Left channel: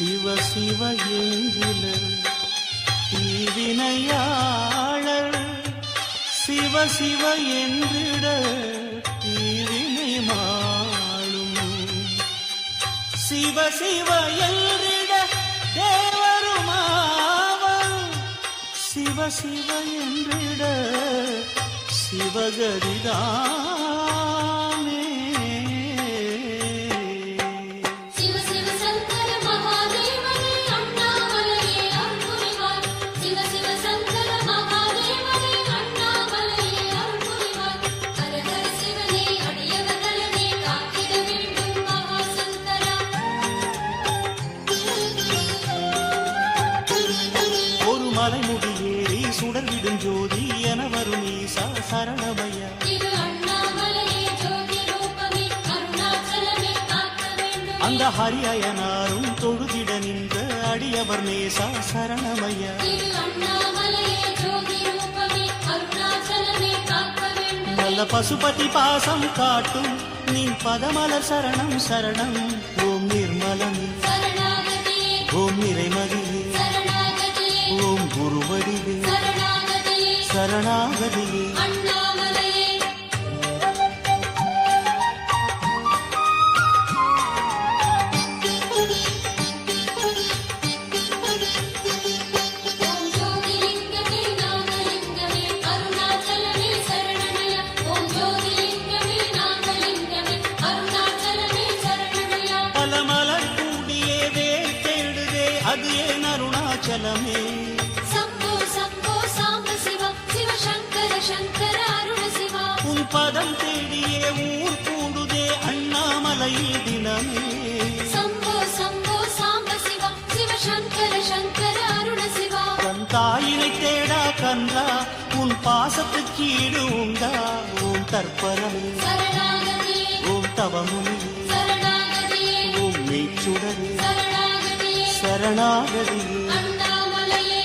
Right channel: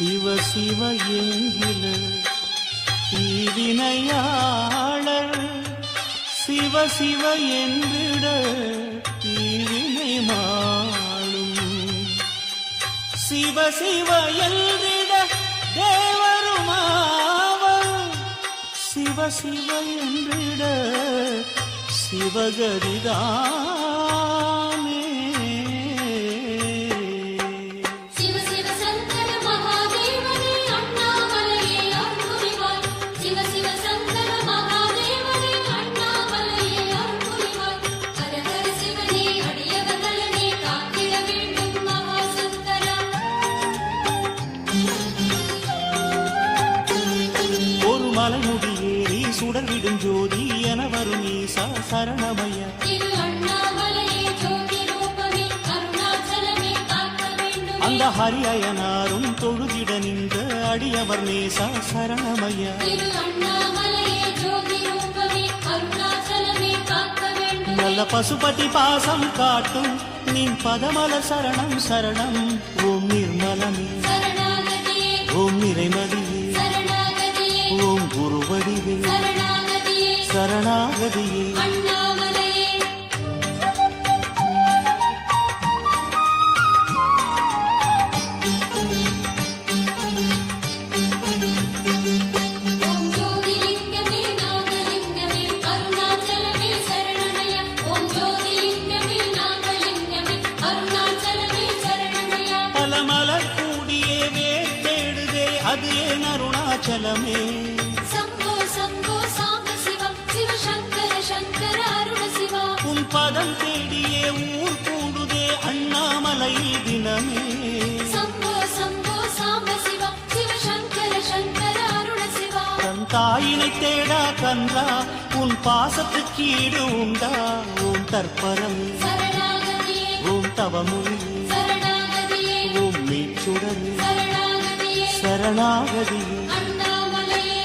சிவ சிவ என்கில தீவினையாளர் சிவ சிவ என்றிட தீவினை மாளும் சிவ சிவ என்றிட தேவருமாவர் சிவ சிவ என்றிட சிவகதிதானே ஒரு மலைமுடி ஏறி சுடர்விடும் ஜோதி என வரும் ஈசா சரணமையா திரு அண்ணாமலையே ஜோதி ரூபமே அருணாச்சலமே காக்க வேண்டும் அந்த ஹரியனாரும் தொழுதிட நின்ற அடியவர் நேசா சரணமையா திரு அண்ணாமலையே ஜோதி ரூபமே அருணாச்சலமே காக்க வேண்டும் நல்ல பசுபதி பாசம் காட்டும் நின் பதமலர் சரணம் சரணம் ஓம் நிர்மலமே சரணாகதியே ஓம் நிறைமதியே சரணாகதியே ஓம் குருவடிவே சரணாகதியே சரணாகதியே அண்ணாமலையே ஓம் ஜோதிலிங்கமே நாகலிங்கமே அருணாச்சலமே சரணமயா ஓம் ஜோதிலிங்கமே நாகலிங்கமே அருணாச்சலமே சரணமயா பல மலர் கூடியே வேர் தேடுதே அது ஏன் அருணாச்சலமே சம்போ சம்போ சாம்ப சிவா சிவ சங்கர சங்கர அருண சிவா உன் பதம் தேடியே ஊர் கூடுதே அண்ணாமலையில் தினமே சம்போ சம்போ சாம்ப சிவா சிவ சங்கர சங்கர அருண சிவா தன் தாயினை தேடா கன்றா உன் பாசத்துக்கு ஈடு உண்டா ஓம் தற்பரமே சரணாகதியே ஓம் தவமுனியே சரணாகதியே ஓம் மெய்ச்சுடரே சரணாகதியே சரணாகதியே அண்ணாமலையே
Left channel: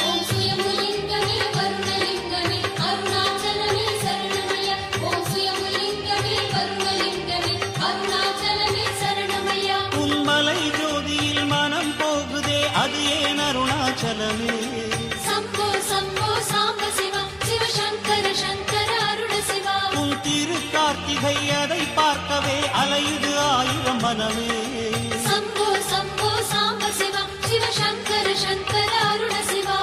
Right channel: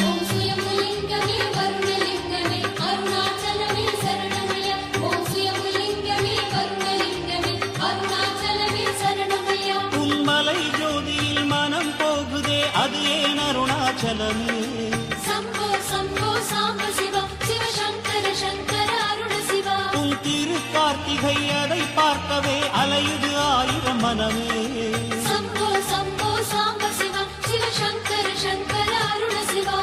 ஓம் சுயம்புலிங்கமே வருணலிங்கமே அருணாச்சலமே சரணமயா ஓம் சுயம்புலிங்கமே வருணலிங்கமே அருணாச்சலமே சரணமயா உன்மலை ஜோதியில் மனம் போகுதே அது ஏன் அருணாச்சலமே சம்போ சம்போ சாம்ப சிவா சிவ சங்கர சங்கர அருண சிவா உன் திரு கார்த்திகை அதை பார்க்கவே அலையுது ஆயிரம் மனமே சம்போ சம்போ சாம்ப சிவா சிவ சங்கர சங்கர அருண சிவா